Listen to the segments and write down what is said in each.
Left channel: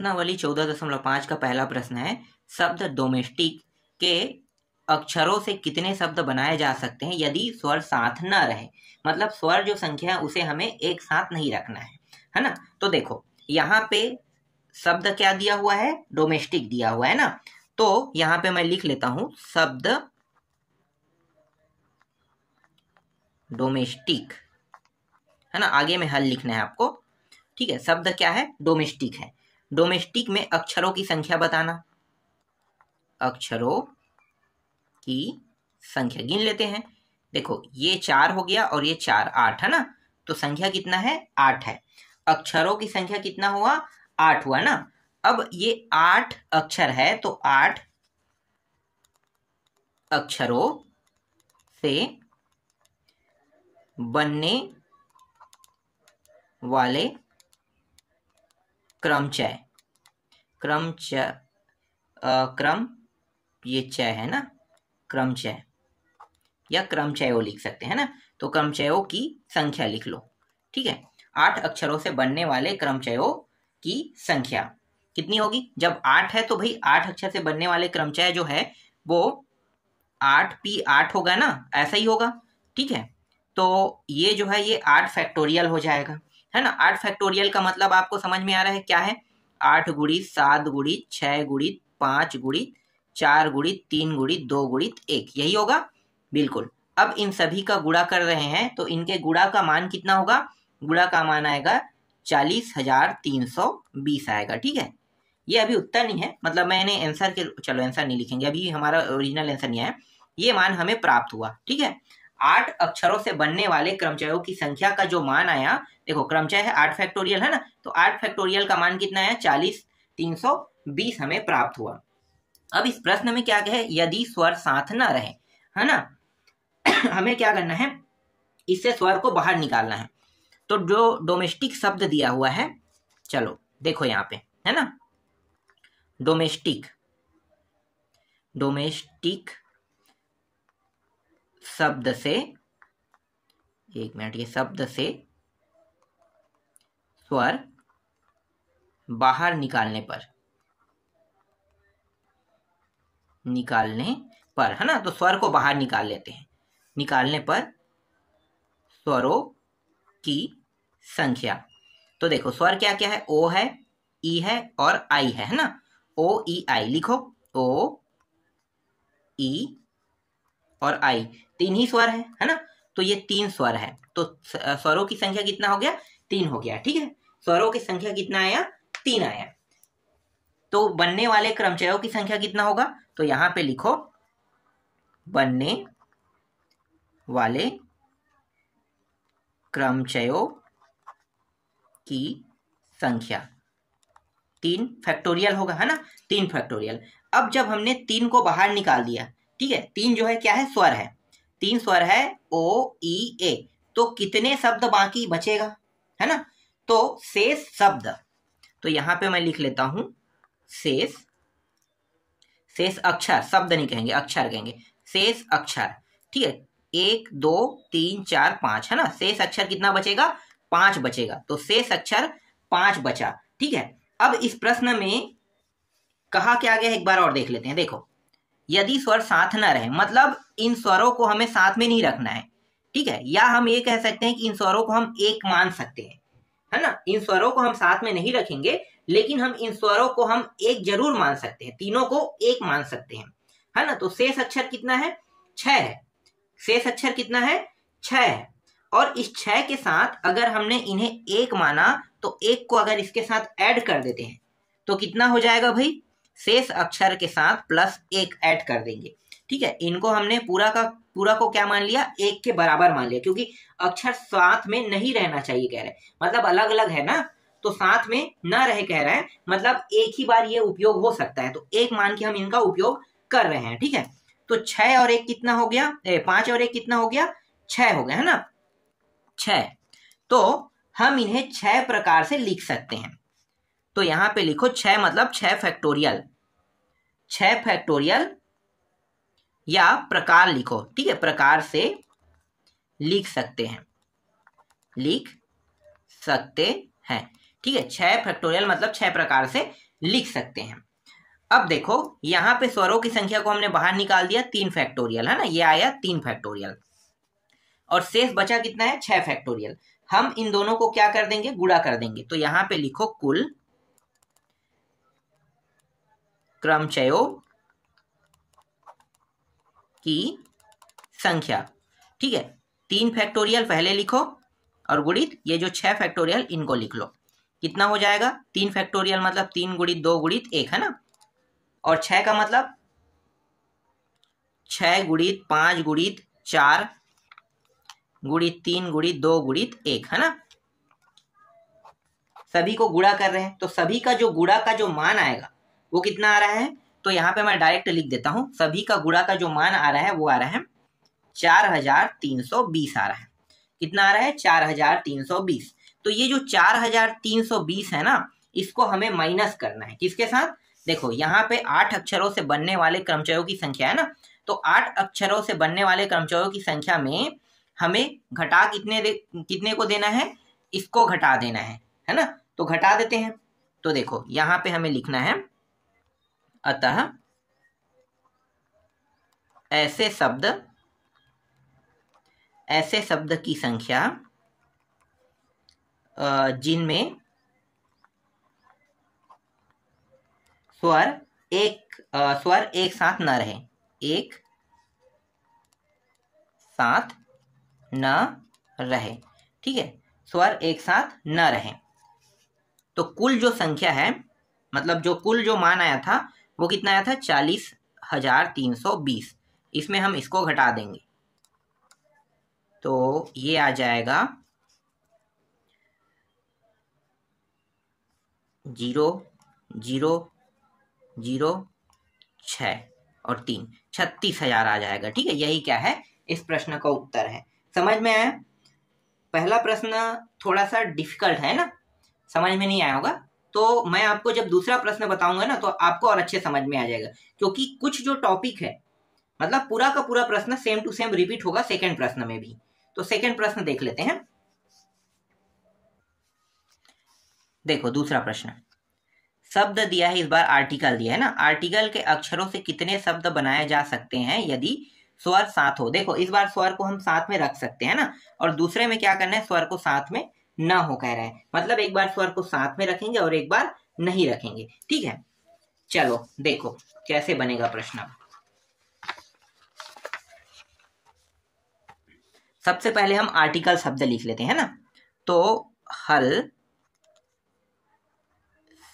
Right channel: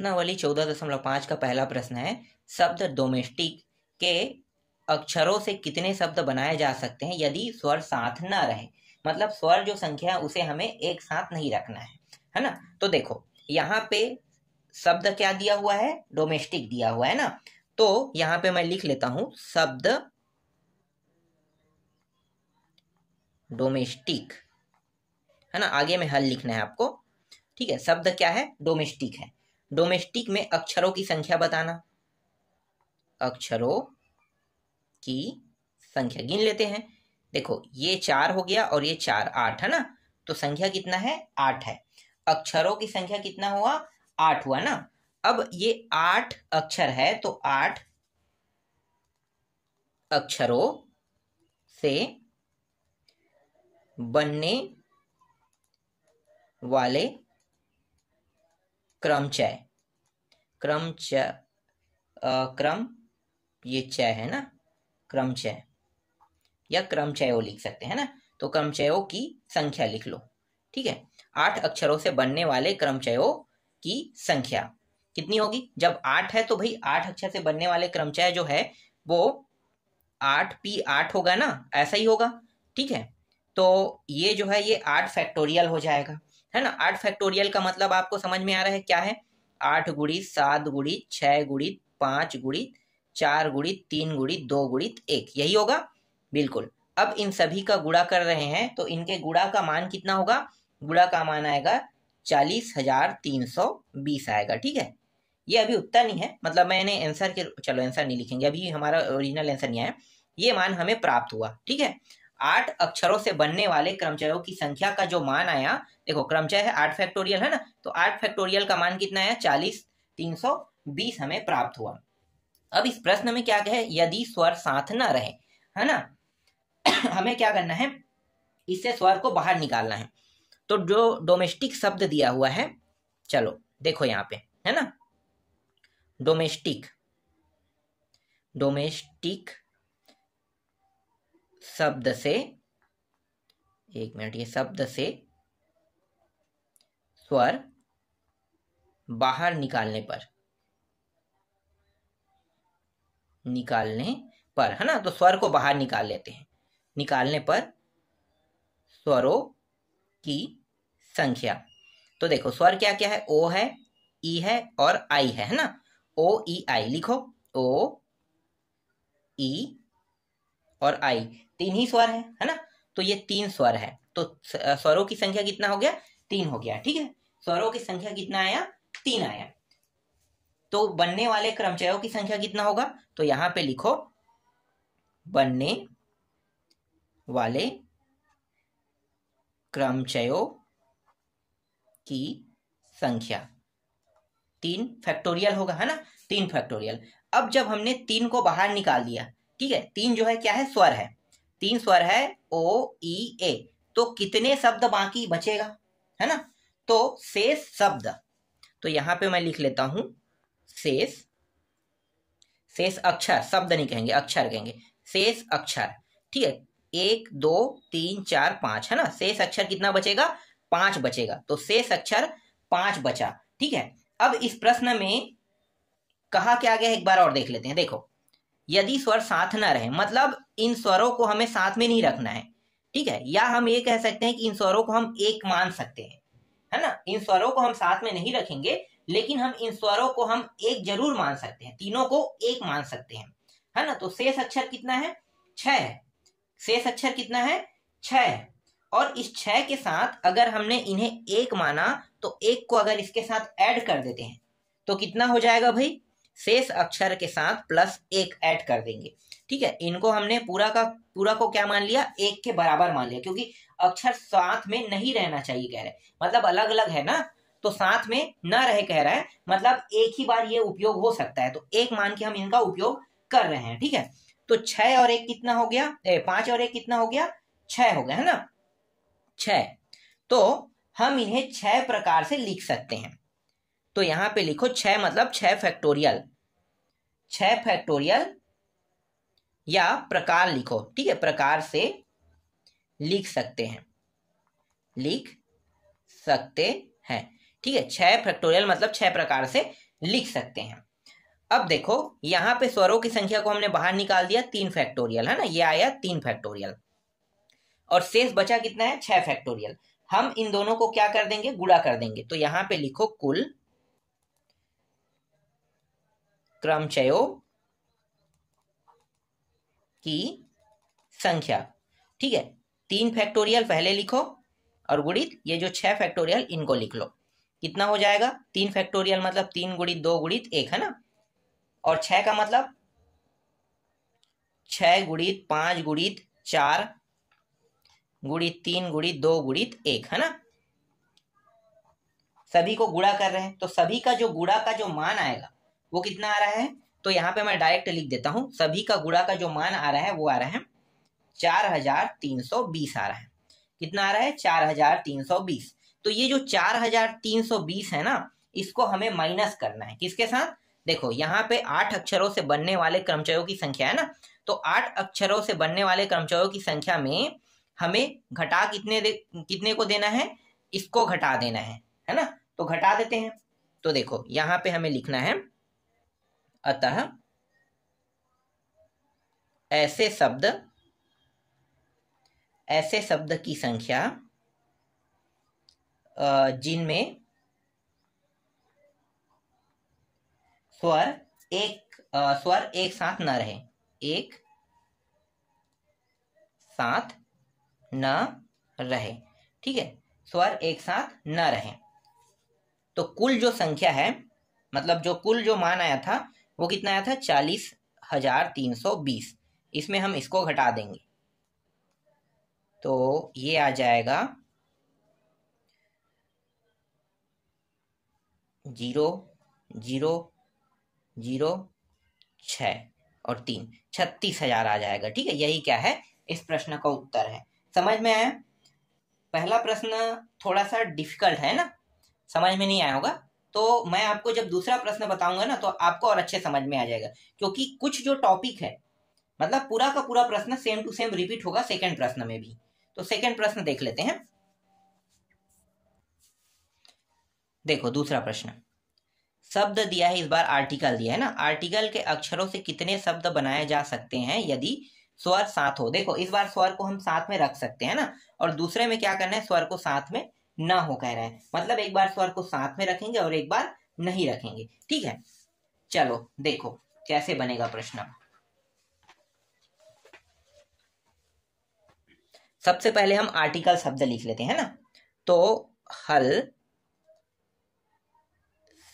प्रश्नावली 14.5 का पहला प्रश्न है, शब्द डोमेस्टिक के अक्षरों से कितने शब्द बनाए जा सकते हैं यदि स्वर साथ न रहे। मतलब स्वर जो संख्या है उसे हमें एक साथ नहीं रखना है ना। तो देखो यहाँ पे शब्द क्या दिया हुआ है, डोमेस्टिक दिया हुआ है ना। तो यहाँ पे मैं लिख लेता हूं शब्द डोमेस्टिक, है ना। आगे में हल लिखना है आपको, ठीक है। शब्द क्या है, डोमेस्टिक है। डोमेस्टिक में अक्षरों की संख्या बताना, अक्षरों की संख्या गिन लेते हैं। देखो ये 4 हो गया और ये 4, 8 है ना। तो संख्या कितना है, 8 है। अक्षरों की संख्या कितना हुआ, 8 हुआ ना। अब ये 8 अक्षर है तो 8 अक्षरों से बनने वाले क्रमचय, क्रम ये चय है ना, क्रमचय या क्रमचयों लिख सकते हैं ना। तो क्रमचयों की संख्या लिख लो, ठीक है। 8 अक्षरों से बनने वाले क्रमचयों की संख्या कितनी होगी। जब 8 है तो भाई 8 अक्षर से बनने वाले क्रमचय जो है वो 8p8 होगा ना, ऐसा ही होगा, ठीक है। तो ये जो है ये 8 फैक्टोरियल हो जाएगा, है ना। 8 फैक्टोरियल का मतलब आपको समझ में आ रहा है क्या है, 8 गुणित 7 गुणित 6 गुणित 5 गुणित 4 गुणित 3 गुणित 2 गुणित 1, यही होगा, बिल्कुल। अब इन सभी का गुणा कर रहे हैं तो इनके गुणा का मान कितना होगा, गुणा का मान आएगा 40,320 आएगा, ठीक है। ये अभी उत्तर नहीं है, मतलब मैंने आंसर के, चलो आंसर नहीं लिखेंगे अभी, हमारा ओरिजिनल आंसर नहीं आया। ये मान हमें प्राप्त हुआ, ठीक है। 8 अक्षरों से बनने वाले क्रमचयों की संख्या का जो मान आया, देखो क्रमचय है 8 फैक्टोरियल है ना, तो 8 फैक्टोरियल का मान कितना है, 40,320 हमें प्राप्त हुआ। अब इस प्रश्न में क्या है, यदि स्वर साथ ना रहे, है ना हमें क्या करना है, इससे स्वर को बाहर निकालना है। तो जो डोमेस्टिक शब्द दिया हुआ है, चलो देखो यहाँ पे, है ना, डोमेस्टिक शब्द से, एक मिनट, ये शब्द से स्वर बाहर निकालने पर है ना, तो स्वर को बाहर निकाल लेते हैं। निकालने पर स्वरों की संख्या, तो देखो स्वर क्या क्या है, ओ है, ई है और आई है ना। ओ ई आई लिखो, ओ ई और आई, 3 ही स्वर है ना। तो ये 3 स्वर है, तो स्वरों की संख्या कितना हो गया, 3 हो गया, ठीक है। स्वरों की संख्या कितना आया, 3 आया। तो बनने वाले क्रमचयों की संख्या कितना होगा, तो यहां पे लिखो बनने वाले क्रमचयों की संख्या 3 फैक्टोरियल होगा, है ना, 3 फैक्टोरियल। अब जब हमने 3 को बाहर निकाल दिया, ठीक है, 3 जो है क्या है, स्वर है, 3 स्वर है, ओ ई ए, तो कितने शब्द बाकी बचेगा, है ना। तो शेष शब्द, तो यहां पे मैं लिख लेता हूं शेष अक्षर, शब्द नहीं कहेंगे, अक्षर कहेंगे, शेष अक्षर, ठीक है। 1 2 3 4 5 है ना, शेष अक्षर कितना बचेगा, 5 बचेगा। तो शेष अक्षर 5 बचा, ठीक है। अब इस प्रश्न में कहा क्या गया, एक बार और देख लेते हैं। देखो यदि स्वर साथ न रहे, मतलब इन स्वरों को हमें साथ में नहीं रखना है, ठीक है। या हम ये कह सकते हैं कि इन स्वरों को हम एक मान सकते हैं, है ना। इन स्वरों को हम साथ में नहीं रखेंगे, लेकिन हम इन स्वरों को हम एक जरूर मान सकते हैं, तीनों को एक मान सकते हैं, है ना। तो शेष अक्षर कितना है, 6 है। शेष अक्षर कितना है, 6 है। और इस 6 के साथ अगर हमने इन्हें एक माना, तो एक को अगर इसके साथ ऐड कर देते हैं तो कितना हो जाएगा भाई, शेष अक्षर के साथ +1 ऐड कर देंगे, ठीक है। इनको हमने पूरा का पूरा को क्या मान लिया, 1 के बराबर मान लिया, क्योंकि अक्षर साथ में नहीं रहना चाहिए कह रहे, मतलब अलग अलग है ना, तो साथ में ना रहे कह रहा है, मतलब एक ही बार ये उपयोग हो सकता है, तो 1 मान के हम इनका उपयोग कर रहे हैं, ठीक है। तो 6 और 1 कितना हो गया, 5 और 1 कितना हो गया, 6 हो गया, है ना, 6। तो हम इन्हें 6 प्रकार से लिख सकते हैं। तो यहां पे लिखो 6 मतलब 6 फैक्टोरियल, 6 फैक्टोरियल या प्रकार लिखो, ठीक है, प्रकार से लिख सकते हैं, ठीक है। 6 फैक्टोरियल मतलब 6 प्रकार से लिख सकते हैं। अब देखो यहाँ पे स्वरों की संख्या को हमने बाहर निकाल दिया 3 फैक्टोरियल, है ना, ये आया 3 फैक्टोरियल और शेष बचा कितना है 6 फैक्टोरियल। हम इन दोनों को क्या कर देंगे, गुणा कर देंगे। तो यहाँ पे लिखो कुल क्रमचयों की संख्या, ठीक है। 3 फैक्टोरियल पहले लिखो और गुणित ये जो 6 फैक्टोरियल इनको लिख लो। कितना हो जाएगा, 3 फैक्टोरियल मतलब 3 गुणित 2 गुणित 1, है ना, और 6 का मतलब 6 गुणित 5 गुणित 4 गुणित 3 गुणित 2 गुणित 1, है ना। सभी को गुणा कर रहे हैं तो सभी का जो गुणा का जो मान आएगा वो कितना आ रहा है, तो यहाँ पे मैं डायरेक्ट लिख देता हूं। सभी का गुणा का जो मान आ रहा है वो आ रहा है 4320 आ रहा है। कितना आ रहा है, 4320। तो ये जो 4320 है ना, इसको हमें माइनस करना है। किसके साथ, देखो यहाँ पे 8 अक्षरों से बनने वाले क्रमचयों की संख्या है ना, तो 8 अक्षरों से बनने वाले क्रमचयों की संख्या में हमें घटा कितने को देना है, इसको घटा देना है ना। तो घटा देते हैं। तो देखो यहाँ पे हमें लिखना है अतः ऐसे शब्द की संख्या जिनमें स्वर एक साथ न रहे, एक साथ न रहे, ठीक है, स्वर एक साथ न रहे। तो कुल जो संख्या है, मतलब जो कुल जो मान आया था वो कितना आया था 40,320। इसमें हम इसको घटा देंगे तो ये आ जाएगा 0,0,0,6 और 3, 36,000 आ जाएगा। ठीक है, यही क्या है, इस प्रश्न का उत्तर है। समझ में आया? पहला प्रश्न थोड़ा सा डिफिकल्ट है ना, समझ में नहीं आया होगा, तो मैं आपको जब दूसरा प्रश्न बताऊंगा ना तो आपको और अच्छे समझ में आ जाएगा, क्योंकि कुछ जो टॉपिक है मतलब पूरा का पूरा प्रश्न सेम टू सेम रिपीट होगा सेकंड प्रश्न में भी। तो सेकंड प्रश्न देख लेते हैं। देखो दूसरा प्रश्न, शब्द दिया है, इस बार आर्टिकल दिया है ना। आर्टिकल के अक्षरों से कितने शब्द बनाए जा सकते हैं यदि स्वर साथ हो। देखो इस बार स्वर को हम साथ में रख सकते हैं ना, और दूसरे में क्या करना है, स्वर को साथ में ना हो कह रहे हैं, मतलब एक बार स्वर को साथ में रखेंगे और एक बार नहीं रखेंगे। ठीक है, चलो देखो कैसे बनेगा प्रश्न। सबसे पहले हम आर्टिकल शब्द लिख लेते हैं ना। तो हर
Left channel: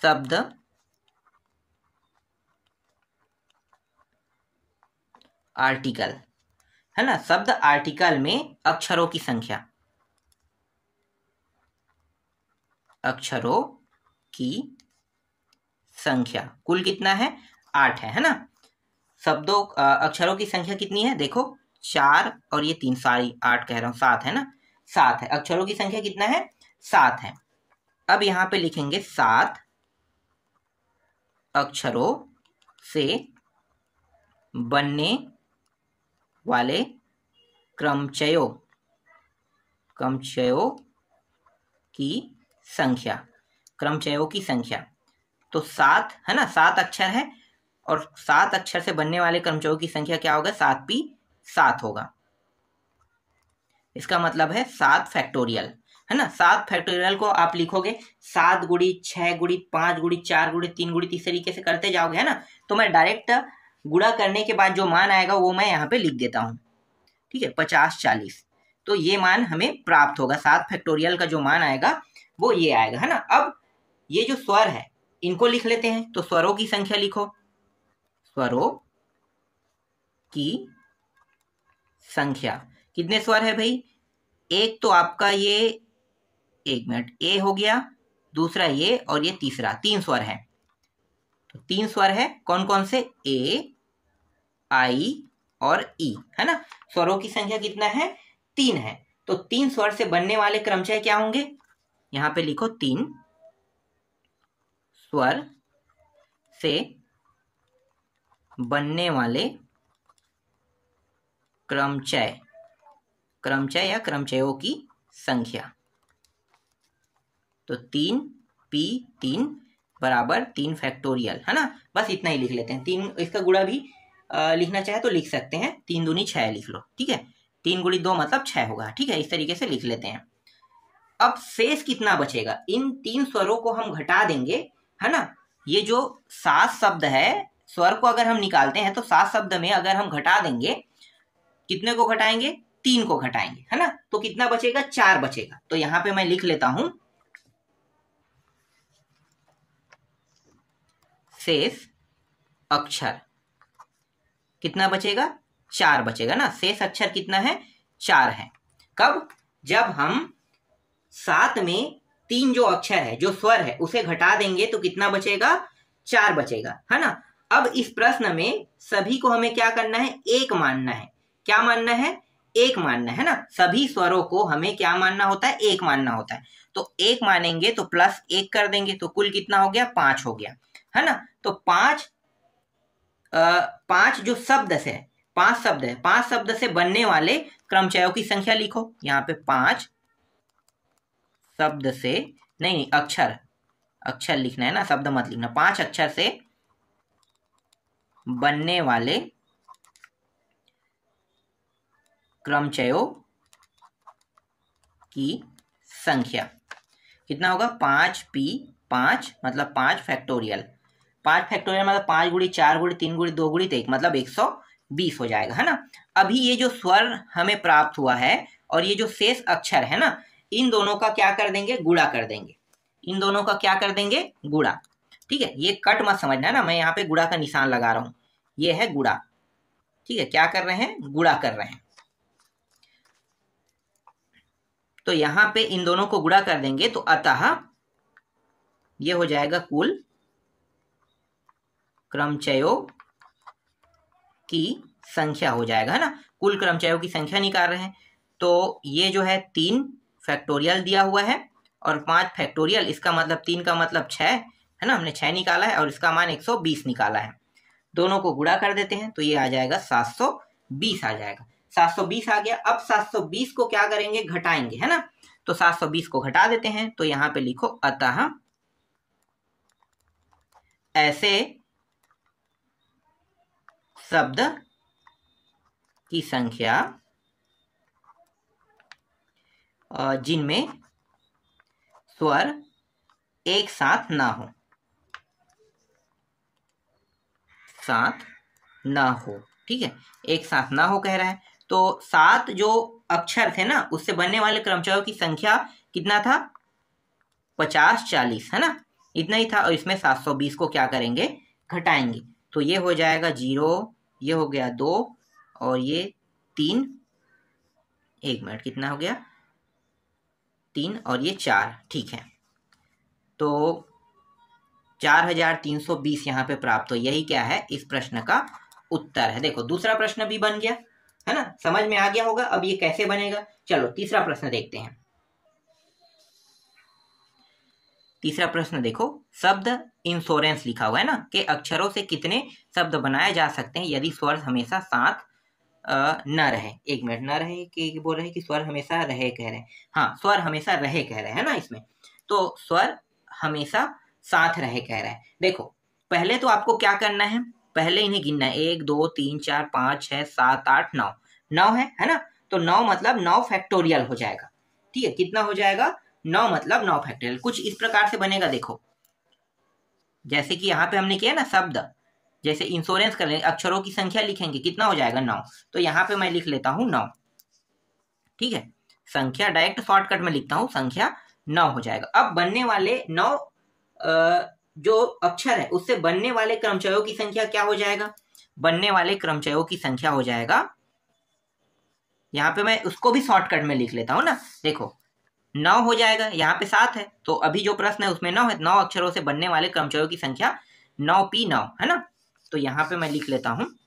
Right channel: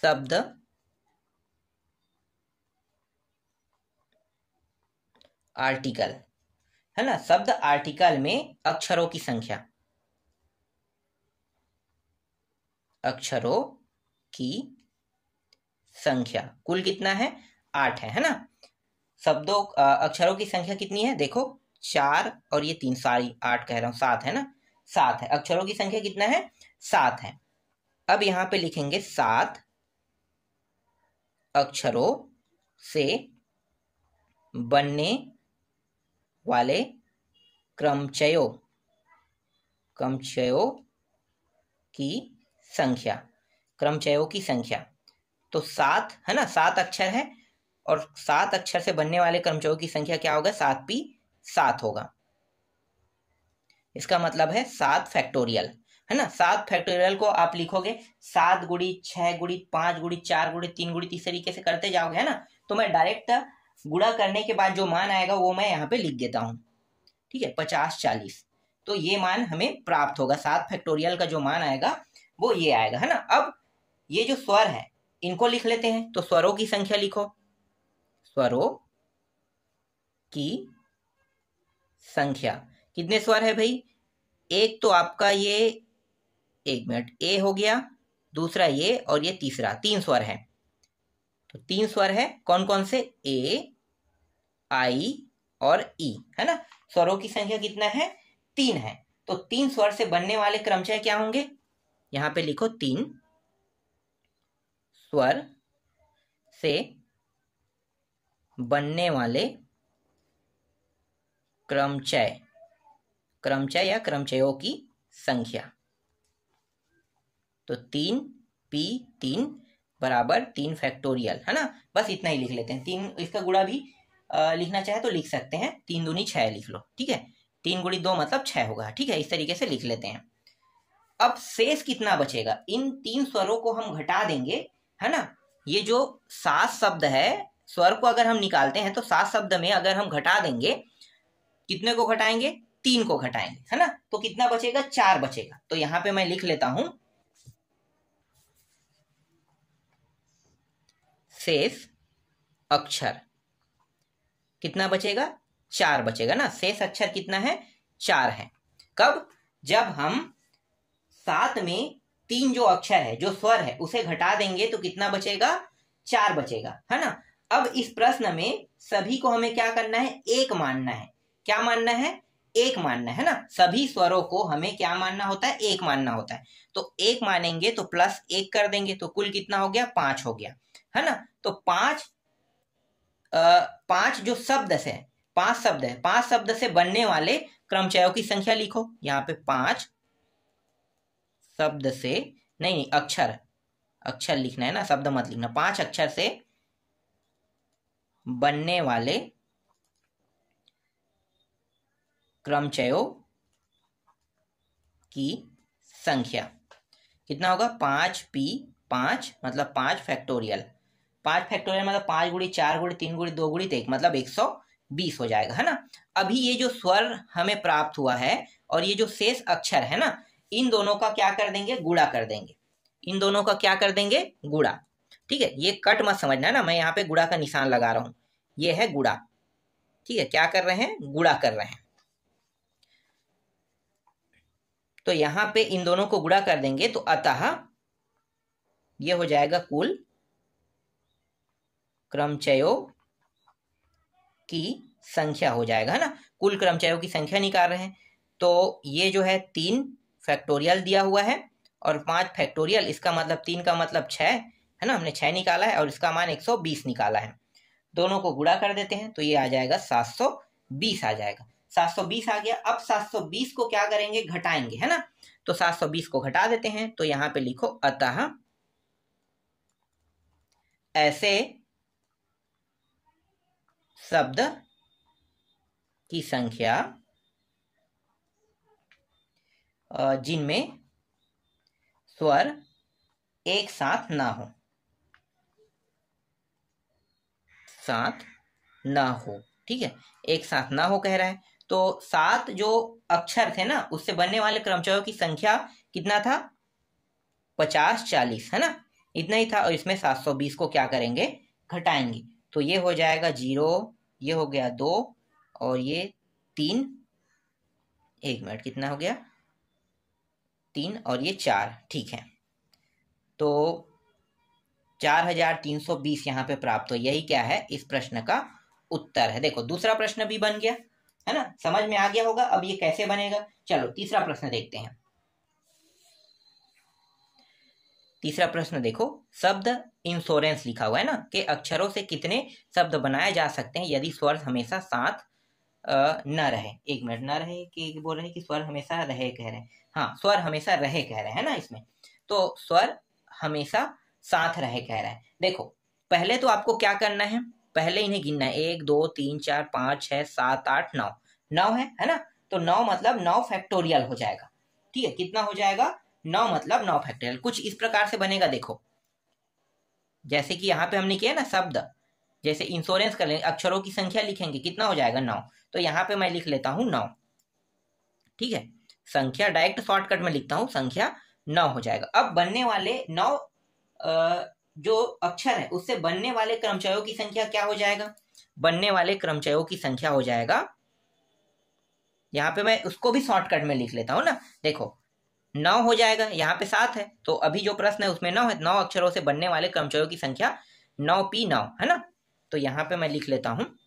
शब्द आर्टिकल, है ना, शब्द आर्टिकल में अक्षरों की संख्या, अक्षरों की संख्या कुल कितना है 8 है ना। शब्दों अक्षरों की संख्या कितनी है, देखो 4 और ये 3, सारी 8 कह रहा हूं, 7 है ना, 7 है। अक्षरों की संख्या कितना है 7 है। अब यहां पे लिखेंगे 7 अक्षरों से बनने वाले क्रमचयों की संख्या, क्रमचयों की संख्या। तो 7 है ना, 7 अक्षर है और 7 अक्षर से बनने वाले क्रमचयों की संख्या क्या होगा, 7p7 होगा। इसका मतलब है 7 फैक्टोरियल, है ना। 7 फैक्टोरियल को आप लिखोगे 7 गुणित 6 गुणित 5 गुणित 4 गुणित 3 गुणित, इस तरीके से करते जाओगे, है ना। तो मैं डायरेक्ट गुणा करने के बाद जो मान आएगा वो मैं यहाँ पे लिख देता हूँ। ठीक है, 50 40, तो ये मान हमें प्राप्त होगा। 7 फैक्टोरियल का जो मान आएगा वो ये आएगा, है ना। अब ये जो स्वर है इनको लिख लेते हैं। तो स्वरों की संख्या लिखो, स्वरों की संख्या, कितने स्वर है भाई, एक तो आपका ये, एक मिनट, ए हो गया, दूसरा ये और ये तीसरा, 3 स्वर है। तो 3 स्वर है, कौन कौन से, ए आई और ई, है ना। स्वरों की संख्या कितना है 3 है। तो 3 स्वर से बनने वाले क्रमचय क्या होंगे, यहां पे लिखो 3 स्वर से बनने वाले क्रमचय या क्रमचयों की संख्या। तो 3p3 बराबर 3 फैक्टोरियल, है ना। बस इतना ही लिख लेते हैं। 3 इसका गुणा भी लिखना चाहे तो लिख सकते हैं, 3 दूनी 6 लिख लो, ठीक है। 3 गुणी 2 मतलब 6 होगा, ठीक है। इस तरीके से लिख लेते हैं। अब शेष कितना बचेगा, इन 3 स्वरों को हम घटा देंगे, है ना। ये जो 7 शब्द है, स्वर को अगर हम निकालते हैं तो 7 शब्द में अगर हम घटा देंगे, कितने को घटाएंगे, 3 को घटाएंगे, है ना। तो कितना बचेगा, 4 बचेगा। तो यहां पे मैं लिख लेता हूं शेष अक्षर कितना बचेगा, 4 बचेगा ना। शेष अक्षर कितना है, 4 है। कब, जब हम 7 में 3 जो अक्षर है, जो स्वर है, उसे घटा देंगे तो कितना बचेगा, 4 बचेगा, है ना। अब इस प्रश्न में सभी को हमें क्या करना है, एक मानना है। क्या मानना है, एक मानना है ना। सभी स्वरों को हमें क्या मानना होता है, एक मानना होता है। तो एक मानेंगे तो प्लस 1 कर देंगे, तो कुल कितना हो गया, 5 हो गया, है ना। तो 5 जो शब्द से 5 शब्द है, 5 शब्द से बनने वाले क्रमचयों की संख्या लिखो। यहाँ पे 5 शब्द से नहीं, अक्षर लिखना है ना, शब्द मत लिखना। 5 अक्षर से बनने वाले क्रमचयों की संख्या कितना होगा, 5p 5 मतलब 5 फैक्टोरियल। 5 फैक्टोरियल मतलब 5 गुणी 4 गुणी 3 गुणी 2 गुणी 1 मतलब 120 हो जाएगा, है ना। अभी ये जो स्वर हमें प्राप्त हुआ है और ये जो शेष अक्षर है ना, इन दोनों का क्या कर देंगे, गुणा कर देंगे। इन दोनों का क्या कर देंगे, गुणा, ठीक है। ये कट मत समझना ना, मैं यहाँ पे गुणा का निशान लगा रहा हूं, ये है गुणा, ठीक है। क्या कर रहे हैं, गुणा कर रहे हैं। तो यहां पे इन दोनों को गुणा कर देंगे तो अतः ये हो जाएगा कुल क्रमचयों की संख्या हो जाएगा, है ना। कुल क्रमचयों की संख्या निकाल रहे हैं। तो ये जो है 3 फैक्टोरियल दिया हुआ है और 5 फैक्टोरियल, इसका मतलब 3 का मतलब 6, है ना। हमने 6 निकाला है और इसका मान 120 निकाला है। दोनों को गुणा कर देते हैं तो ये आ जाएगा 720 आ जाएगा। 720 आ गया। अब 720 को क्या करेंगे, घटाएंगे, है ना। तो 720 को घटा देते हैं। तो यहां पे लिखो अतः ऐसे शब्द की संख्या जिनमें स्वर एक साथ ना हो, ठीक है। एक साथ ना हो कह रहा है। तो 7 जो अक्षर थे ना, उससे बनने वाले क्रमचयों की संख्या कितना था, 50 40, है ना। इतना ही था। और इसमें 720 को क्या करेंगे, घटाएंगे। तो ये हो जाएगा 0, ये हो गया 2 और ये 3, 1 मिनट, कितना हो गया, 3 और ये 4, ठीक है। तो 4320 यहाँ पे प्राप्त हो। यही क्या है, इस प्रश्न का उत्तर है। देखो दूसरा प्रश्न भी बन गया, है ना। समझ में आ गया होगा अब ये कैसे बनेगा। चलो तीसरा प्रश्न देखते हैं। तीसरा प्रश्न देखो, शब्द इंश्योरेंस लिखा हुआ है ना, के अक्षरों से कितने शब्द बनाए जा सकते हैं यदि स्वर हमेशा साथ न रहे। 1 मिनट, न रहे कि बोल रहे कि स्वर हमेशा रहे कह रहे हैं। हाँ, स्वर हमेशा रहे कह रहे हैं ना इसमें। तो स्वर हमेशा साथ रहे कह रहा है। देखो पहले तो आपको क्या करना है, पहले इन्हें गिनना है। 1 2 3 4 5 6 7 8 9, 9 है ना। तो 9 मतलब 9 फैक्टोरियल हो जाएगा, ठीक है। कितना हो जाएगा, 9 मतलब 9 फैक्टोरियल। कुछ इस प्रकार से बनेगा, देखो जैसे कि यहाँ पे हमने किया ना, शब्द जैसे इंश्योरेंस कर लेंगे, अक्षरों की संख्या लिखेंगे, कितना हो जाएगा 9। तो यहाँ पे मैं लिख लेता हूँ 9, ठीक है। संख्या डायरेक्ट शॉर्टकट में लिखता हूँ, संख्या 9 हो जाएगा। अब बनने वाले 9 जो अक्षर है उससे बनने वाले क्रमचयों की संख्या क्या हो जाएगा, बनने वाले क्रमचयों की संख्या हो जाएगा, यहाँ पे मैं उसको भी शॉर्टकट में लिख लेता हूँ ना। देखो 9 हो जाएगा, यहाँ पे 7 है, तो अभी जो प्रश्न है उसमें 9 है। 9 अक्षरों से बनने वाले क्रमचयों की संख्या 9p9, है ना। तो यहाँ पे मैं लिख लेता हूँ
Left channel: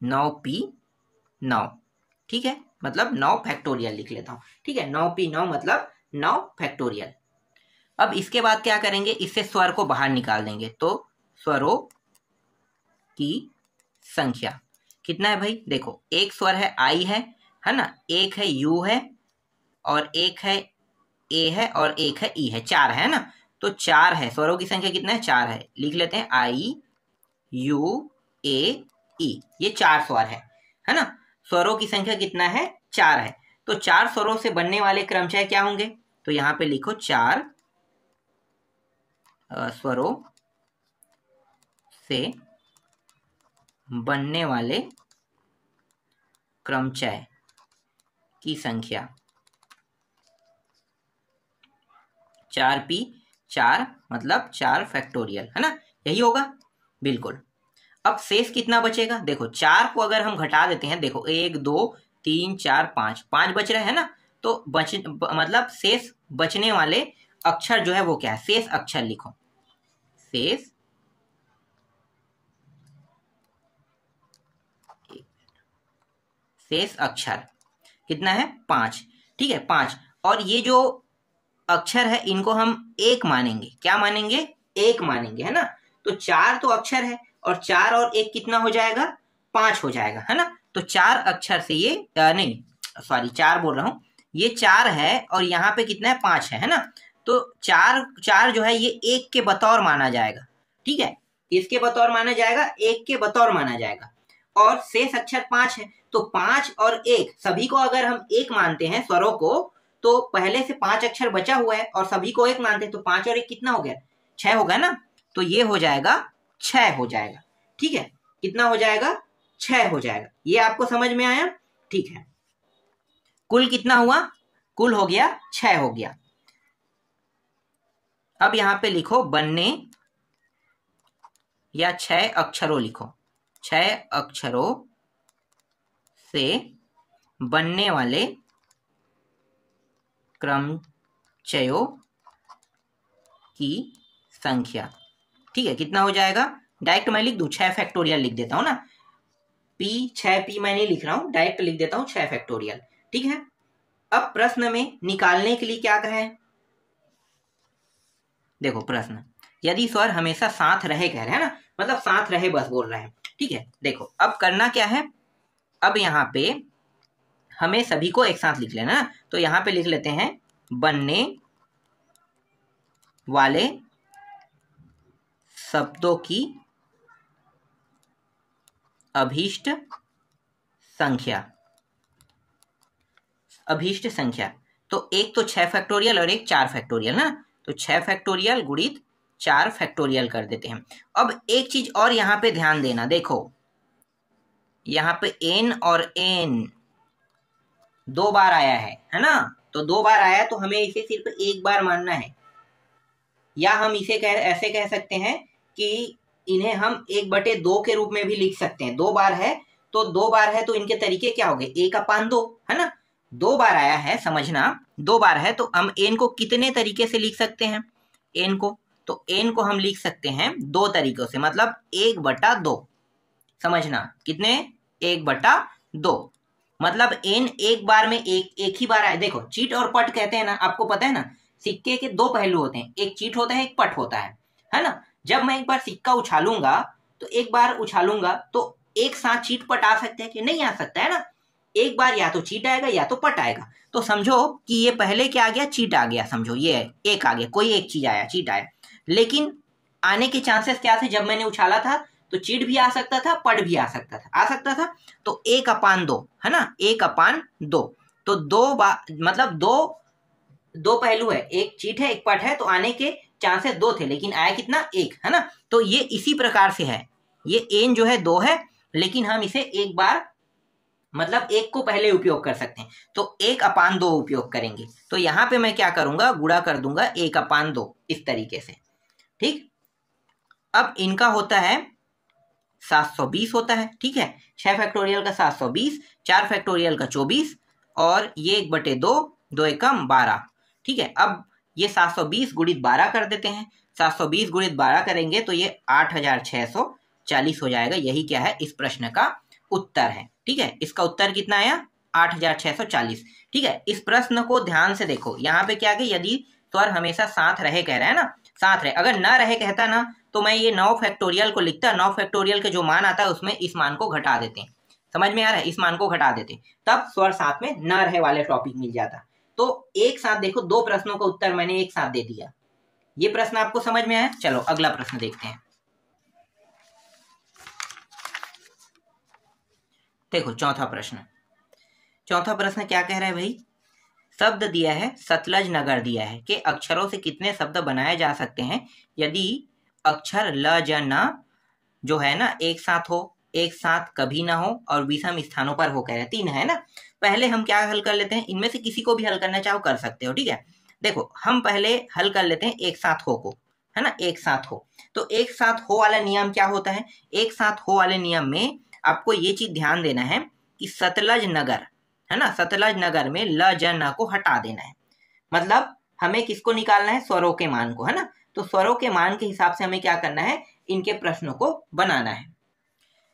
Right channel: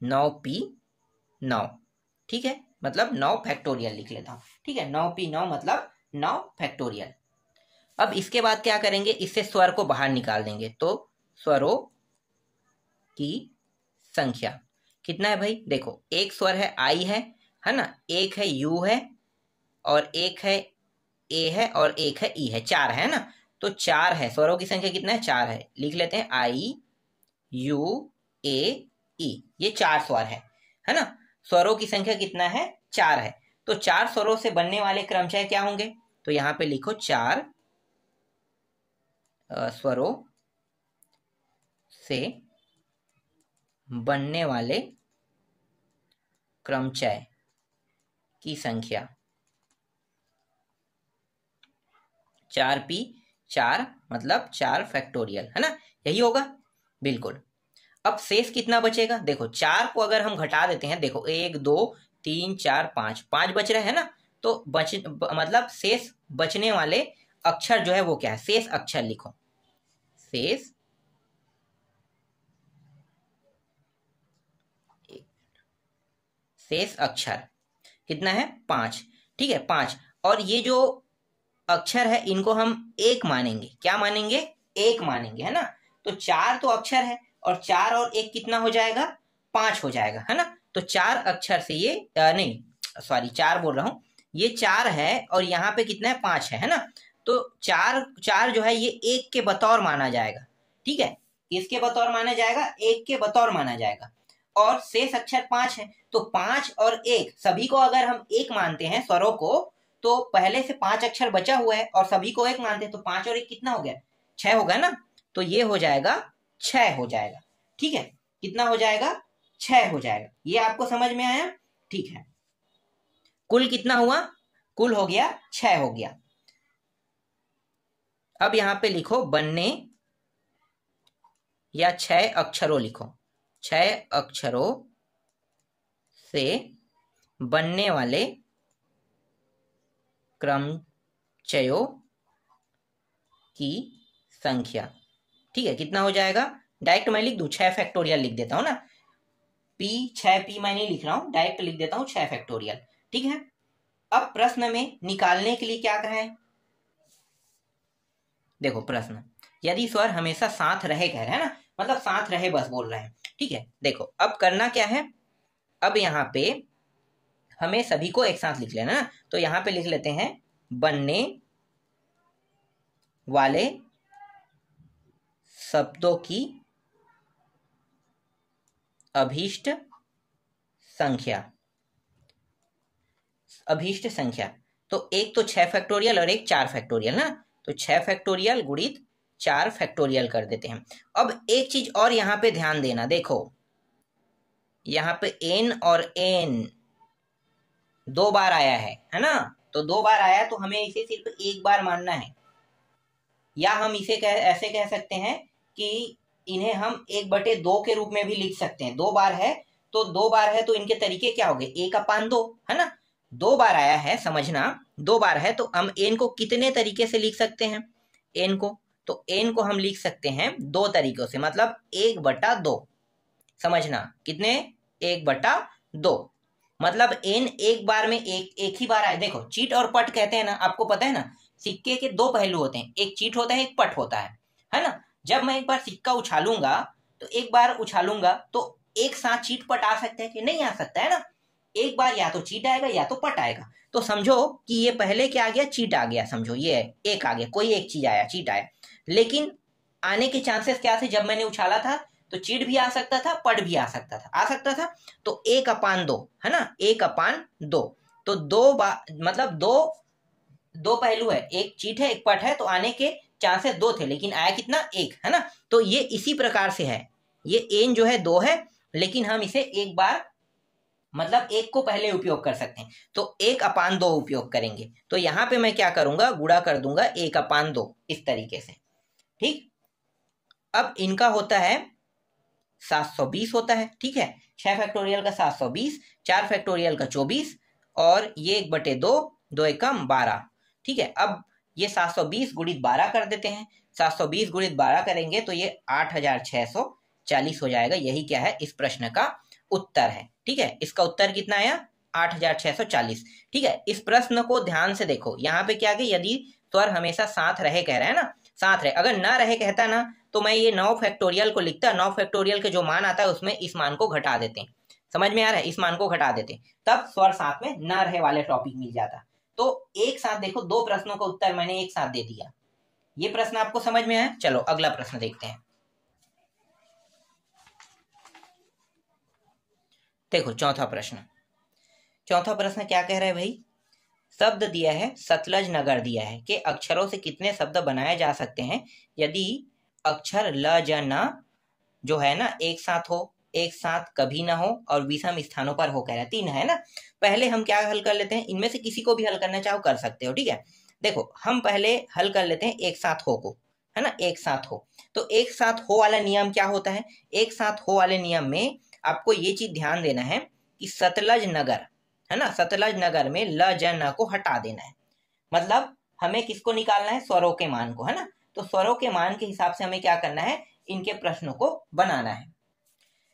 9p9, ठीक है। मतलब 9 फैक्टोरियल लिख लेता हूँ, ठीक है। 9p9 मतलब 9 फैक्टोरियल। अब इसके बाद क्या करेंगे, इससे स्वर को बाहर निकाल देंगे। तो स्वरों की संख्या कितना है भाई, देखो एक स्वर है आई है ना, एक है यू है और एक है ए है और एक है ई है, 4 है ना। तो 4 है, स्वरों की संख्या कितना है, 4 है। लिख लेते हैं I U A E, ये 4 स्वर है ना। स्वरों की संख्या कितना है, 4 है। तो 4 स्वरों से बनने वाले क्रमचय क्या होंगे, तो यहां पे लिखो 4 स्वरों से बनने वाले क्रमचय की संख्या 4p 4 मतलब 4 फैक्टोरियल, है ना, यही होगा बिल्कुल। अब शेष कितना बचेगा, देखो 4 को अगर हम घटा देते हैं, देखो 1 2 3 4 5 5 बच रहे हैं ना, तो मतलब शेष बचने वाले अक्षर जो है वो क्या है, शेष अक्षर लिखो। शेष अक्षर कितना है, 5, ठीक है 5। और ये जो अक्षर है इनको हम एक मानेंगे, क्या मानेंगे, एक मानेंगे, है ना। तो 4 तो अक्षर है और 4 और 1 कितना हो जाएगा, 5 हो जाएगा, है ना। तो 4 अक्षर से ये नहीं सॉरी 4 बोल रहा हूं, ये 4 है और यहाँ पे कितना है, 5 है ना। तो 4 जो है ये 1 के बतौर माना जाएगा, ठीक है, किसके बतौर माना जाएगा, 1 के बतौर माना जाएगा। और शेष अक्षर 5 है, तो 5 और 1 सभी को अगर हम 1 मानते हैं स्वरों को, तो पहले से 5 अक्षर बचा हुआ है और सभी को 1 मानते हैं, तो 5 और 1 कितना हो गया, 6 हो गया ना। तो ये हो जाएगा 6 हो जाएगा, ठीक है, कितना हो जाएगा, 6 हो जाएगा। ये आपको समझ में आया, ठीक है। कुल कितना हुआ, कुल हो गया 6 हो गया। अब यहां पे लिखो बनने या 6 अक्षरों लिखो, 6 अक्षरों से बनने वाले क्रमचयों की संख्या, ठीक है, कितना हो जाएगा, डायरेक्ट मैं लिख दूं, 6 फैक्टोरियल लिख देता हूं ना, p 6p मैं नहीं लिख रहा हूं, डायरेक्ट लिख देता हूं 6 फैक्टोरियल, ठीक है। अब प्रश्न में निकालने के लिए क्या कहें, देखो प्रश्न, यदि स्वर हमेशा साथ रहे कह रहे हैं ना, मतलब साथ रहे बस बोल रहे हैं, ठीक है। देखो अब करना क्या है, अब यहाँ पे हमें सभी को एक साथ लिख लेना, तो यहां पे लिख लेते हैं बनने वाले शब्दों की अभीष्ट संख्या, अभीष्ट संख्या, तो एक तो 6 फैक्टोरियल और एक 4 फैक्टोरियल ना, तो 6 फैक्टोरियल गुणित 4 फैक्टोरियल कर देते हैं। अब एक चीज और यहां पे ध्यान देना, देखो यहां पे n और n 2 बार आया है ना, तो 2 बार आया तो हमें इसे सिर्फ एक बार मानना है, या हम इसे ऐसे कह सकते हैं कि इन्हें हम 1/2 के रूप में भी लिख सकते हैं। 2 बार है तो 2 बार है तो इनके तरीके क्या हो गए, 1/2, है ना। 2 बार आया है, समझना 2 बार है, तो हम n को कितने तरीके से लिख सकते हैं, n को, तो n को हम लिख सकते हैं 2 तरीकों से, मतलब 1/2, समझना कितने, 1/2, मतलब n एक बार में एक ही बार आए। देखो चीट और पट कहते हैं ना, आपको पता है ना, सिक्के के 2 पहलू होते हैं, एक चीट होता है एक पट होता है ना। जब मैं एक बार सिक्का उछालूंगा तो एक बार उछालूंगा तो एक साथ चीट पट आ सकता है कि नहीं आ सकता, है ना। एक बार या तो चीट आएगा या तो पट आएगा, तो समझो कि ये पहले क्या आ गया, चीट आ गया, समझो ये एक आ गया, कोई एक चीज आया, चीट आया। लेकिन आने के चांसेस क्या थे, जब मैंने उछाला था तो चीट भी आ सकता था, पट भी आ सकता था, तो 1/2, है ना, 1/2, तो 2 बार मतलब 2 पहलू है, एक चीट है एक पट है, तो आने के चांसेस 2 थे, लेकिन आया कितना, 1, है ना। तो ये इसी प्रकार से है, ये n जो है 2 है, लेकिन हम इसे एक बार मतलब 1 को पहले उपयोग कर सकते हैं, तो 1/2 उपयोग करेंगे। तो यहां पे मैं क्या करूंगा, गुणा कर दूंगा 1/2 इस तरीके से, ठीक। अब इनका होता है 720 होता है, ठीक है, 6 फैक्टोरियल का 720, 4 फैक्टोरियल का 24, और ये 1/2, 2 एकम 12, ठीक है। अब ये 720 गुणित 12 कर देते हैं, 720 गुणित 12 करेंगे तो ये 8640 हो जाएगा। यही क्या है, इस प्रश्न का उत्तर है, ठीक है। इसका उत्तर कितना आया, 8640, ठीक है। इस प्रश्न को ध्यान से देखो, यहाँ पे क्या है, यदि स्वर हमेशा साथ रहे कह रहा है ना, साथ रहे, अगर ना रहे कहता ना तो मैं ये 9 फैक्टोरियल को लिखता, 9 फैक्टोरियल के जो मान आता है उसमें इस मान को घटा देते हैं, समझ में आ रहा है, इस मान को घटा देते हैं, तब स्वर साथ में ना रहे वाले टॉपिक मिल जाता। तो एक साथ देखो, 2 प्रश्नों का उत्तर मैंने एक साथ दे दिया, ये प्रश्न आपको समझ में आया? चलो अगला प्रश्न देखते हैं। देखो चौथा प्रश्न क्या कह रहा है भाई? शब्द दिया है, सतलज नगर दिया है कि अक्षरों से कितने शब्द बनाए जा सकते हैं यदि अक्षर ल ज न जो है ना एक साथ हो, एक साथ कभी ना हो और विषम स्थानों पर हो। कह रहे हैं 3 है ना। पहले हम क्या हल कर लेते हैं, इनमें से किसी को भी हल करना चाहो कर सकते हो, ठीक है। देखो हम पहले हल कर लेते हैं एक साथ हो को, है ना, एक साथ हो। तो एक साथ हो वाला नियम क्या होता है? एक साथ हो वाले नियम में आपको ये चीज ध्यान देना है कि सतलज नगर, है ना, सतलज नगर में ल ज न को हटा देना है। मतलब हमें किसको निकालना है? स्वरों के मान को, है ना। तो स्वरों के मान के हिसाब से हमें क्या करना है, इनके प्रश्नों को बनाना है।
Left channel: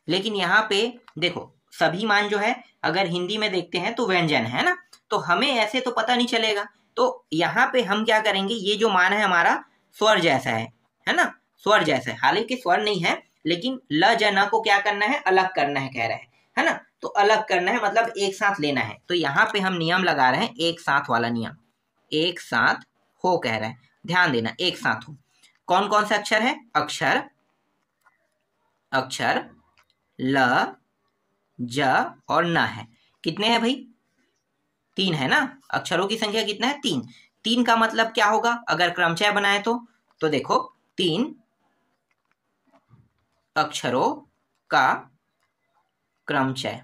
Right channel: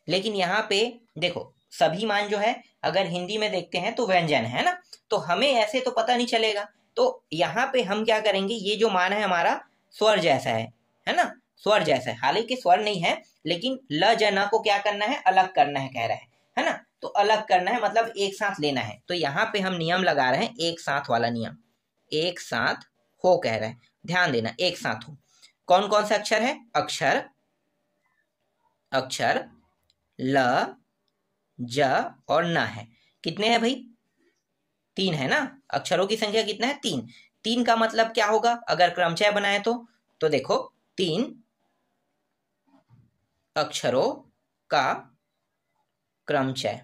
लेकिन यहाँ पे देखो सभी मान जो है अगर हिंदी में देखते हैं तो व्यंजन है ना, तो हमें ऐसे तो पता नहीं चलेगा। तो यहाँ पे हम क्या करेंगे, ये जो मान है हमारा स्वर जैसा है ना, स्वर जैसा है। हालांकि स्वर नहीं है, लेकिन ल ज न को क्या करना है, अलग करना है, कह रहा है ना। तो अलग करना है मतलब एक साथ लेना है। तो यहाँ पे हम नियम लगा रहे हैं एक साथ वाला नियम, एक साथ हो कह रहे हैं। ध्यान देना, एक साथ हो। कौन कौन से अक्षर है? अक्षर ल ज और न है। कितने हैं भाई? 3 है ना। अक्षरों की संख्या कितना है? 3। 3 का मतलब क्या होगा अगर क्रमचय बनाए तो देखो 3 अक्षरों का क्रमचय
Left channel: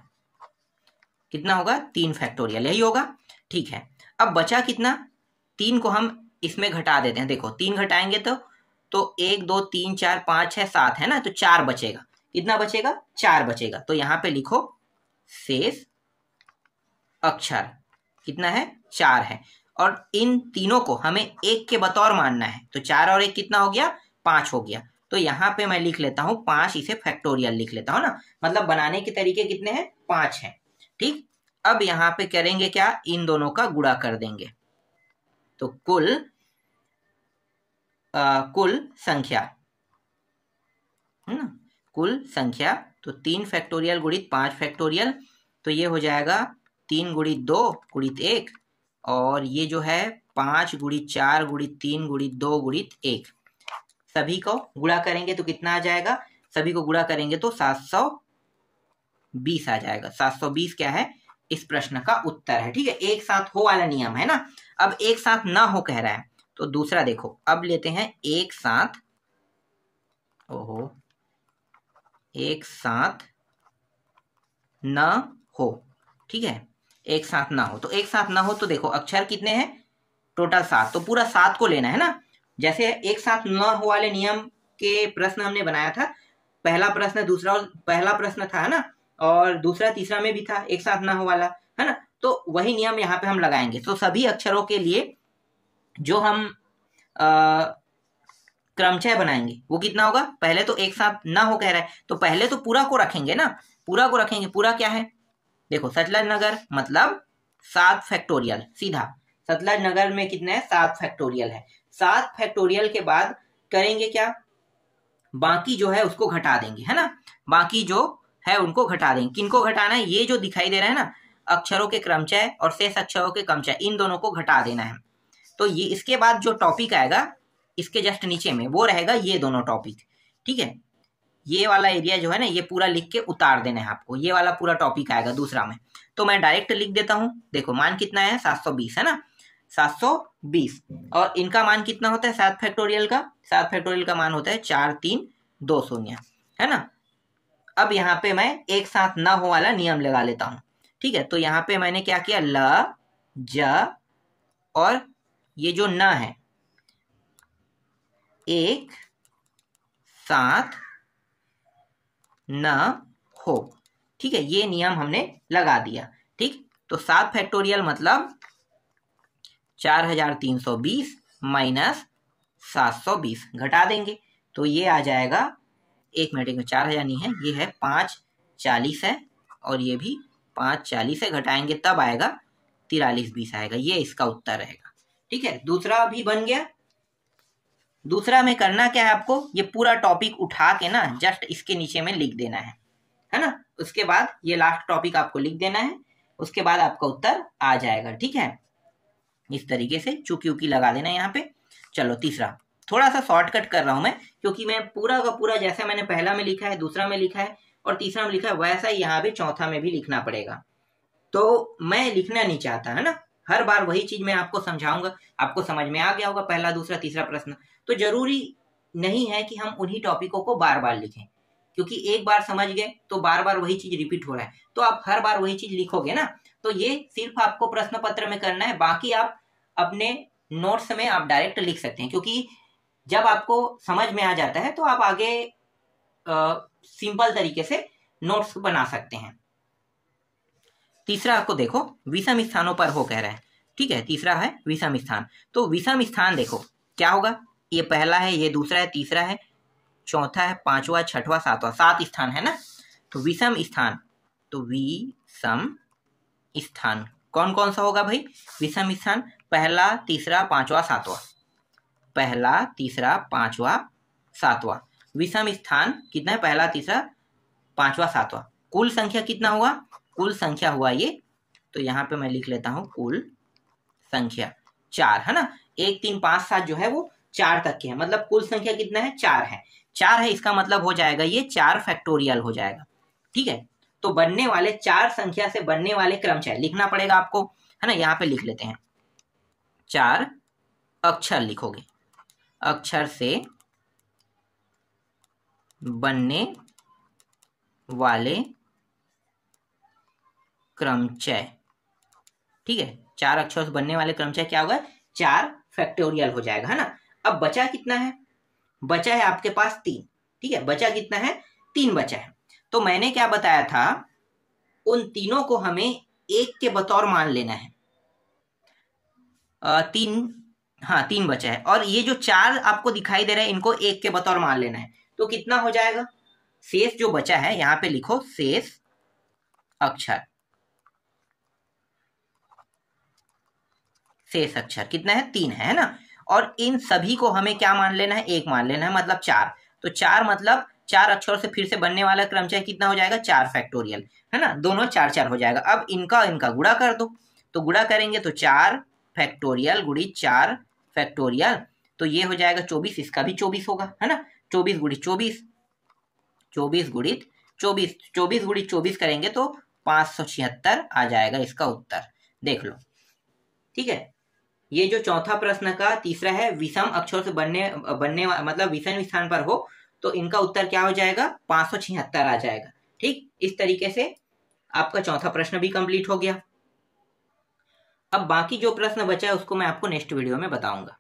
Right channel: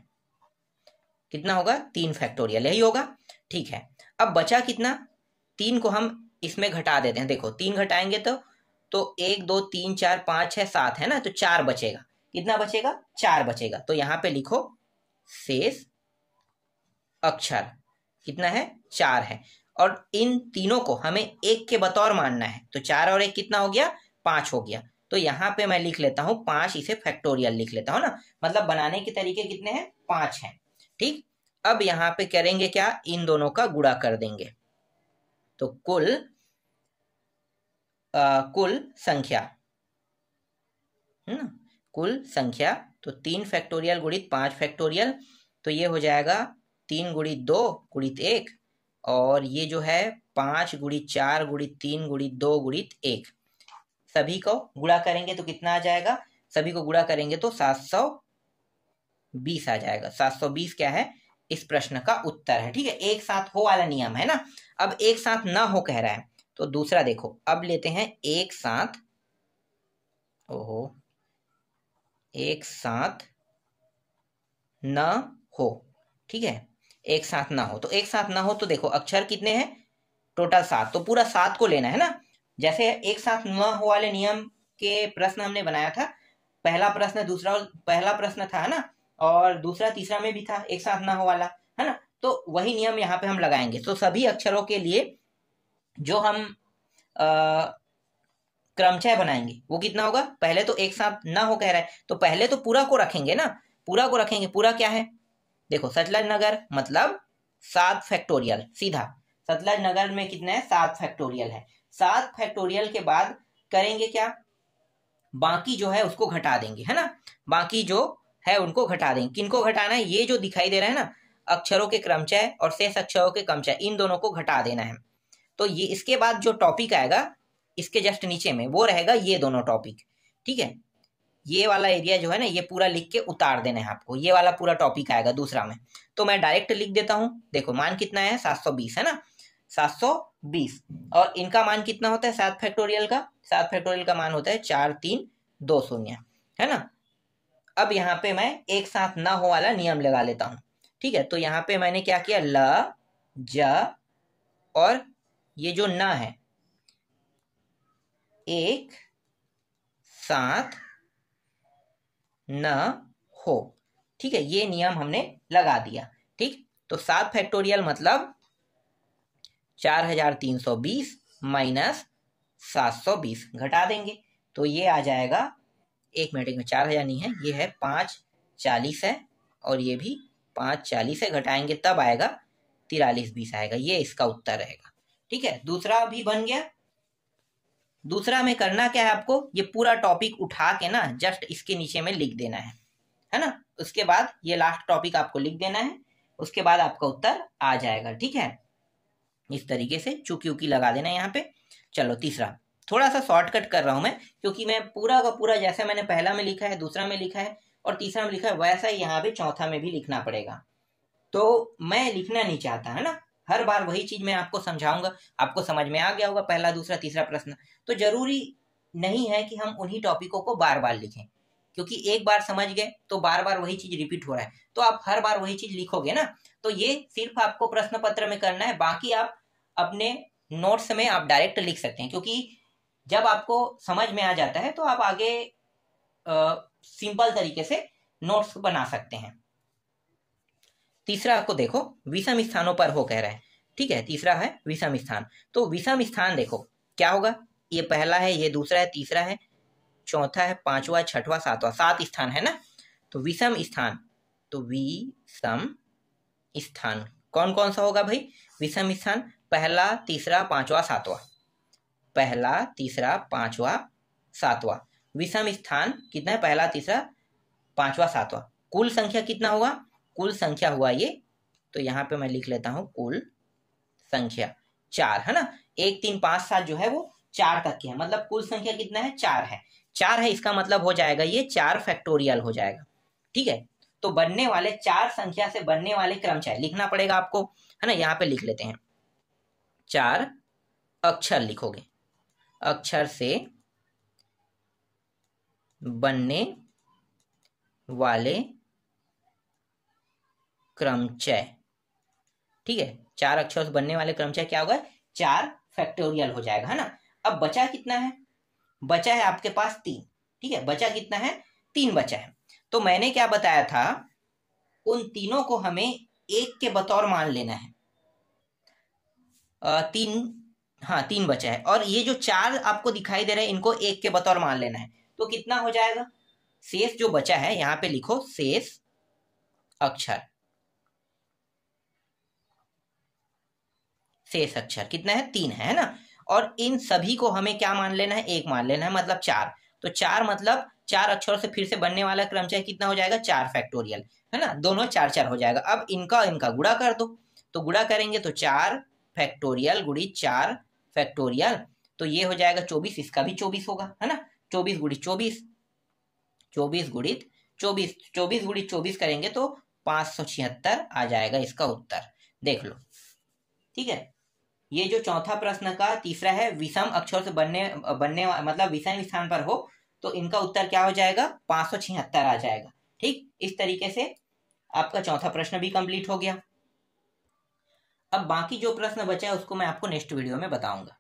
कितना होगा? 3 फैक्टोरियल, यही होगा, ठीक है। अब बचा कितना? 3 को हम इसमें घटा देते हैं। देखो 3 घटाएंगे तो 1 2 3 4 5 6 7 है ना, तो 4 बचेगा। कितना बचेगा? 4 बचेगा। तो यहां पे लिखो शेष अक्षर कितना है? 4 है। और इन तीनों को हमें 1 के बतौर मानना है। तो 4 और 1 कितना हो गया? 5 हो गया। तो यहाँ पे मैं लिख लेता हूं 5, इसे फैक्टोरियल लिख लेता हूं ना। मतलब बनाने के तरीके कितने हैं? 5 हैं, ठीक। अब यहाँ पे करेंगे क्या, इन दोनों का गुणा कर देंगे। तो कुल संख्या, कुल संख्या, तो 3 फैक्टोरियल गुणित 5 फैक्टोरियल, तो ये हो जाएगा 3 गुणित 2 गुणित 1, और ये जो है 5 गुणित 4 गुणित 3 गुणित 2 गुणित 1। सभी को गुणा करेंगे तो कितना आ जाएगा? सभी को गुणा करेंगे तो 720 आ जाएगा। 720 क्या है? इस प्रश्न का उत्तर है, ठीक है। एक साथ हो वाला नियम है ना। अब एक साथ ना हो कह रहा है, तो दूसरा देखो, अब लेते हैं एक साथ, एक साथ न हो, ठीक है। एक साथ ना हो, तो एक साथ ना हो तो देखो अक्षर कितने हैं? टोटल 7, तो पूरा 7 को लेना है ना। जैसे एक साथ न हो वाले नियम के प्रश्न हमने बनाया था, पहला प्रश्न पहला प्रश्न था ना, और दूसरा तीसरा में भी था एक साथ ना हो वाला, है ना। तो वही नियम यहाँ पे हम लगाएंगे। तो सभी अक्षरों के लिए जो हम क्रमचय बनाएंगे वो कितना होगा? पहले तो एक साथ ना हो कह रहा है, तो पहले तो पूरा को रखेंगे ना, पूरा को रखेंगे। पूरा क्या है? देखो सतलज नगर मतलब 7 फैक्टोरियल, सीधा सतलज नगर में कितना है? 7 फैक्टोरियल है। 7 फैक्टोरियल के बाद करेंगे क्या? बाकी जो है उसको घटा देंगे, है ना। बाकी जो है उनको घटा देंगे। किनको घटाना है? ये जो दिखाई दे रहा है ना, अक्षरों के क्रमचय और शेष अक्षरों के क्रमचय, इन दोनों को घटा देना है। तो ये इसके बाद जो टॉपिक आएगा इसके जस्ट नीचे में, वो रहेगा ये दोनों टॉपिक, ठीक है। ये वाला एरिया जो है ना, ये पूरा लिख के उतार देना है आपको। ये वाला पूरा टॉपिक आएगा दूसरा में, तो मैं डायरेक्ट लिख देता हूं। देखो मान कितना है? 720 है ना, 720। और इनका मान कितना होता है? 7 फैक्टोरियल का, 7 फैक्टोरियल का मान होता है 4320, है ना। अब यहाँ पे मैं एक साथ ना हो वाला नियम लगा लेता हूं, ठीक है। तो यहाँ पे मैंने क्या किया? ल ज और ये जो न है एक साथ न हो, ठीक है। ये नियम हमने लगा दिया, ठीक। तो 7 फैक्टोरियल मतलब 4320 माइनस 720 घटा देंगे, तो ये आ जाएगा, एक मिनट में 4000 नहीं है, ये है 540 है, और ये भी 540 है, घटाएंगे तब आएगा 4320 आएगा। ये इसका उत्तर रहेगा, ठीक है। दूसरा भी बन गया। दूसरा में करना क्या है आपको? ये पूरा टॉपिक उठा के ना जस्ट इसके नीचे में लिख देना है ना। उसके बाद ये लास्ट टॉपिक आपको लिख देना है, उसके बाद आपका उत्तर आ जाएगा, ठीक है। इस तरीके से चुकी उकी लगा देना यहाँ पे। चलो तीसरा, थोड़ा सा शॉर्टकट कर रहा हूं मैं, क्योंकि मैं पूरा का पूरा जैसे मैंने पहला में लिखा है, दूसरा में लिखा है और तीसरा में लिखा है, वैसा ही यहाँ भी चौथा में भी लिखना पड़ेगा। तो मैं लिखना नहीं चाहता, है ना, हर बार वही चीज मैं आपको समझाऊंगा, आपको समझ में आ गया होगा पहला दूसरा तीसरा प्रश्न। तो जरूरी नहीं है कि हम उन्हीं टॉपिकों को बार बार लिखें, क्योंकि एक बार समझ गए तो बार बार वही चीज रिपीट हो रहा है, तो आप हर बार वही चीज लिखोगे ना। तो ये सिर्फ आपको प्रश्न पत्र में करना है, बाकी आप अपने नोट्स में आप डायरेक्ट लिख सकते हैं, क्योंकि जब आपको समझ में आ जाता है तो आप आगे सिंपल तरीके से नोट्स बना सकते हैं। तीसरा आपको देखो, विषम स्थानों पर हो कह रहे हैं, ठीक है, तीसरा है विषम स्थान। तो विषम स्थान देखो क्या होगा, ये पहला है, ये दूसरा है, तीसरा है, चौथा है, पांचवा, छठवां, सातवां, 7 स्थान है ना। तो विषम स्थान, तो विषम स्थान कौन कौन सा होगा भाई, विषम स्थान पहला, तीसरा, पांचवा, सातवां, पहला, तीसरा, पांचवा, सातवां। विषम स्थान कितना है, पहला, तीसरा, पांचवा, सातवां। कुल संख्या कितना हुआ, कुल संख्या हुआ ये, तो यहाँ पे मैं लिख लेता हूं कुल संख्या 4, है ना। 1 3 5 7 जो है वो 4 तक की है, मतलब कुल संख्या कितना है, 4 है। 4 है, इसका मतलब हो जाएगा ये 4 फैक्टोरियल हो जाएगा, ठीक है। तो बनने वाले 4 संख्या से बनने वाले क्रमचय लिखना पड़ेगा आपको, है ना। यहाँ पे लिख लेते हैं, 4 अक्षर लिखोगे, अक्षर से बनने वाले क्रमचय, ठीक है। 4 अक्षरों से बनने वाले क्रमचय क्या होगा, 4 फैक्टोरियल हो जाएगा, है ना। अब बचा कितना है, बचा है आपके पास 3, ठीक है, बचा कितना है, 3 बचा है। तो मैंने क्या बताया था, उन तीनों को हमें 1 के बतौर मान लेना है। 3 बचा है, और ये जो 4 आपको दिखाई दे रहा है इनको 1 के बतौर मान लेना है। तो कितना हो जाएगा, शेष जो बचा है यहां पे लिखो शेष अक्षर, शेष अक्षर कितना है, 3 है ना। और इन सभी को हमें क्या मान लेना है, 1 मान लेना है, मतलब 4। तो 4 मतलब 4 अक्षरों से फिर से बनने वाला क्रमचय कितना हो जाएगा, 4 फैक्टोरियल, है ना। दोनों 4 4 हो जाएगा। अब इनका गुणा कर दो, तो गुणा करेंगे तो 4 फैक्टोरियल गुणित 4 फैक्टोरियल, तो ये हो जाएगा 24, इसका भी 24 होगा, है ना। 24 गुणित 24, 24 गुणित 24, 24 गुणित 24 करेंगे तो 576 आ जाएगा इसका उत्तर, देख लो, ठीक है। ये जो चौथा प्रश्न का तीसरा है, विषम अक्षरों से बनने मतलब विषम स्थान पर हो, तो इनका उत्तर क्या हो जाएगा, 576 आ जाएगा, ठीक। इस तरीके से आपका चौथा प्रश्न भी कंप्लीट हो गया। अब बाकी जो प्रश्न बचा है उसको मैं आपको नेक्स्ट वीडियो में बताऊंगा।